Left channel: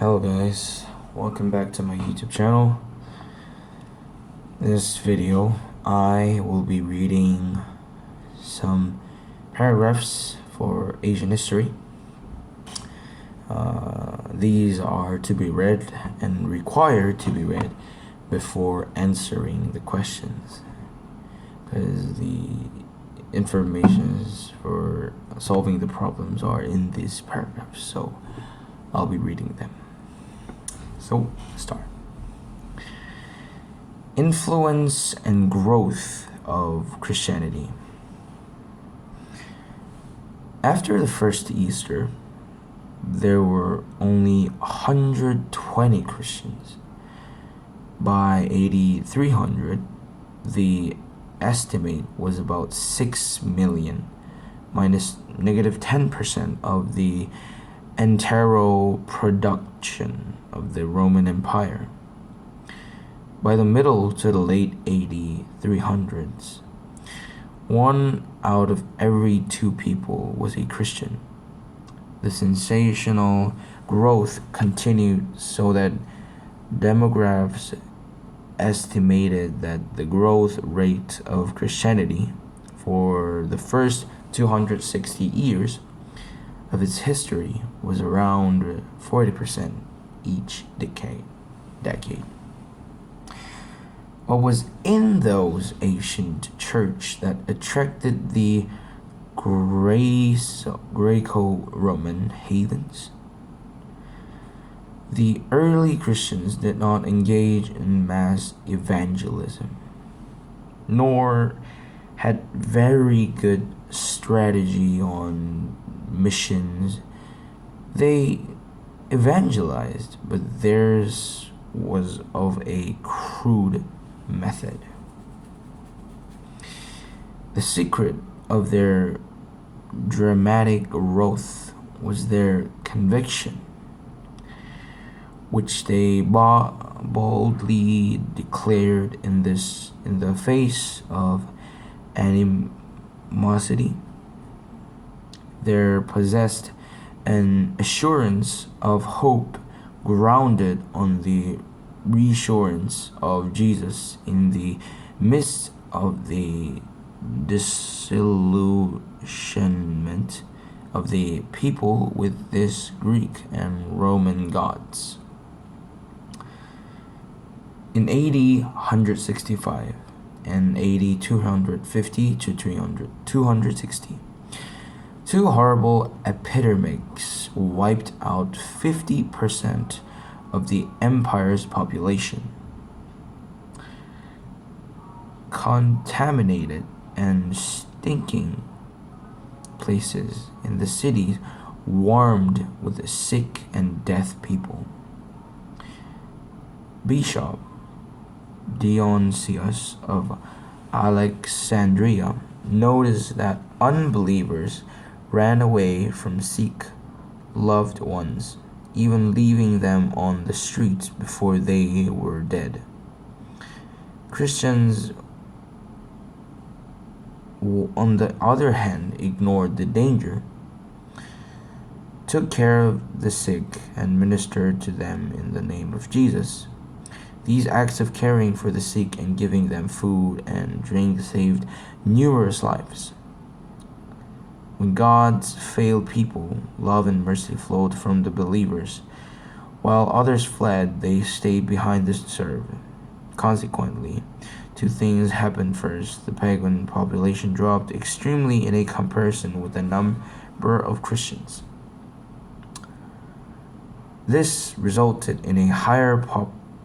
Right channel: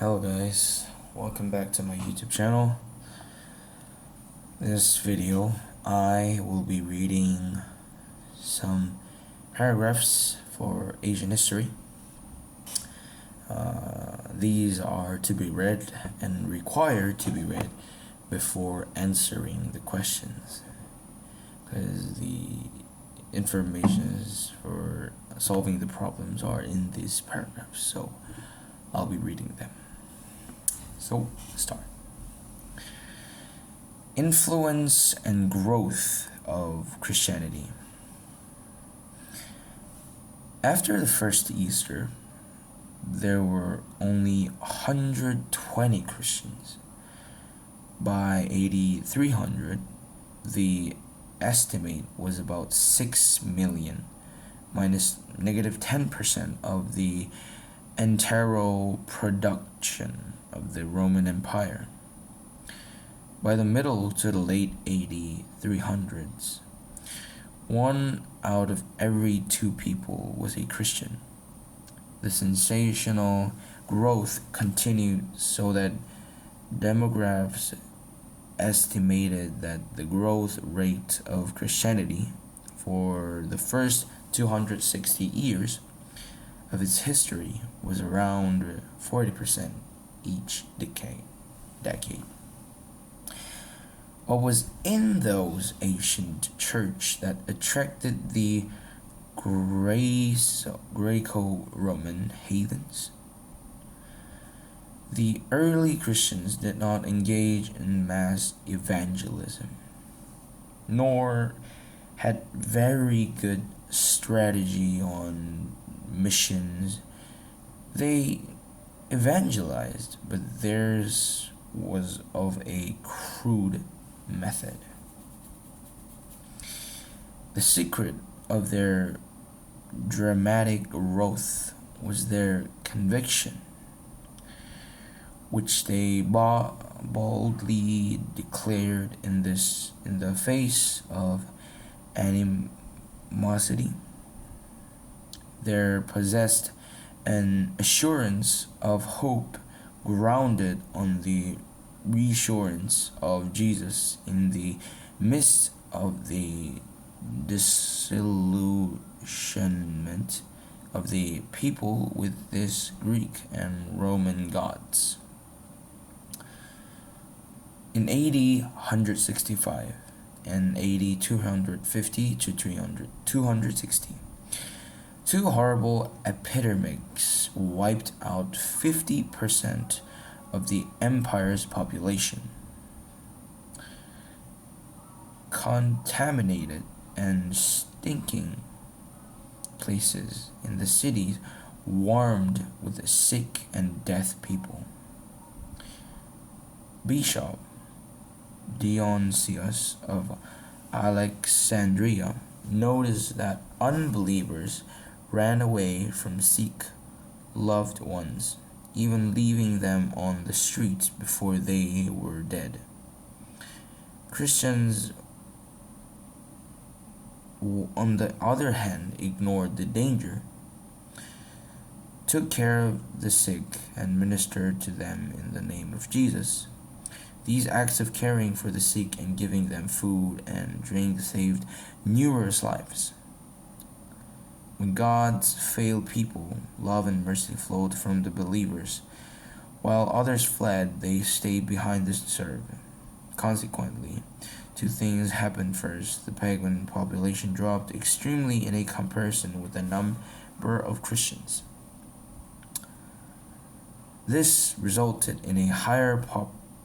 Hello guys, welcome back to my YouTube channel. This video, I will be reading some paragraphs for Asian history. These are to be read and required to be read before answering the questions, because the information for solving the problems are in these paragraphs, so I'll be reading them. So, let's start. Influence and growth of Christianity. After the first Easter, there were only 120 Christians. By AD 300, the estimate was about 6 million, minus negative 10% of the entire production of the Roman Empire. By the middle to the late AD 300s, 1 out of every 2 people was a Christian. The sensational growth continued so that demographers estimated that the growth rate of Christianity for the first 260 years of its history was around 40% each decade. What was in those ancient church that attracted the Greco-Roman heathens? The early Christians did not engage in mass evangelism, nor had very good strategy on missions. They evangelized, but theirs was of a crude method. The secret of their dramatic growth was their conviction, which they boldly declared in the face of animosity. They possessed an assurance of hope grounded on the reassurance of Jesus in the midst of the disillusionment of the people with these Greek and Roman gods. In AD 165 and AD 250 to 260, 2 horrible epidemics wiped out 50% of the empire's population. Contaminated and stinking places in the cities swarmed with sick and deaf people. Bishop Dionysius of Alexandria noticed that unbelievers ran away from sick loved ones, even leaving them on the streets before they were dead. Christians, on the other hand, ignored the danger, took care of the sick, and ministered to them in the name of Jesus. These acts of caring for the sick and giving them food and drink saved numerous lives. When God's failed people, love and mercy flowed from the believers. While others fled, they stayed behind to serve. Consequently, 2 things happened. First, the pagan population dropped extremely in a comparison with the number of Christians. This resulted in a higher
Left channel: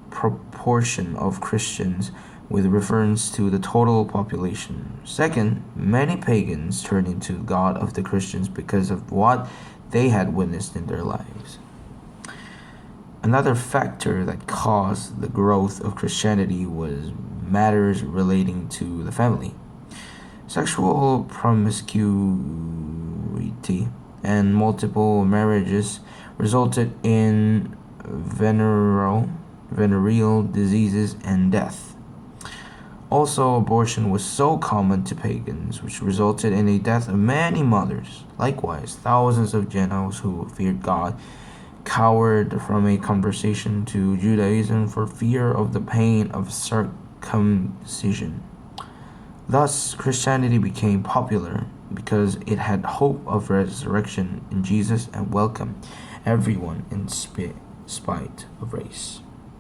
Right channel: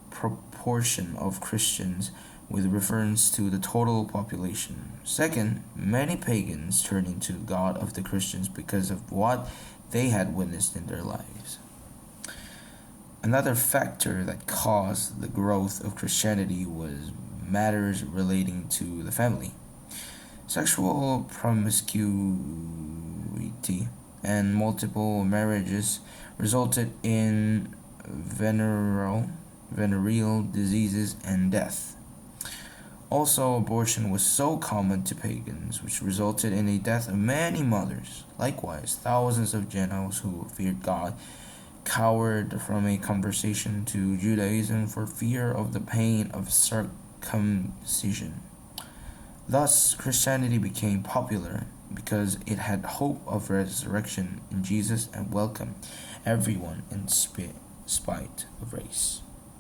proportion of Christians with reference to the total population. Second, many pagans turned into the God of the Christians because of what they had witnessed in their lives. Another factor that caused the growth of Christianity was matters relating to the family. Sexual promiscuity and multiple marriages resulted in venereal diseases and death. Also, abortion was so common to pagans, which resulted in the death of many mothers. Likewise, thousands of Gentiles who feared God cowered from a conversion to Judaism for fear of the pain of circumcision. Thus, Christianity became popular because it had hope of resurrection in Jesus and welcomed everyone in spite of race.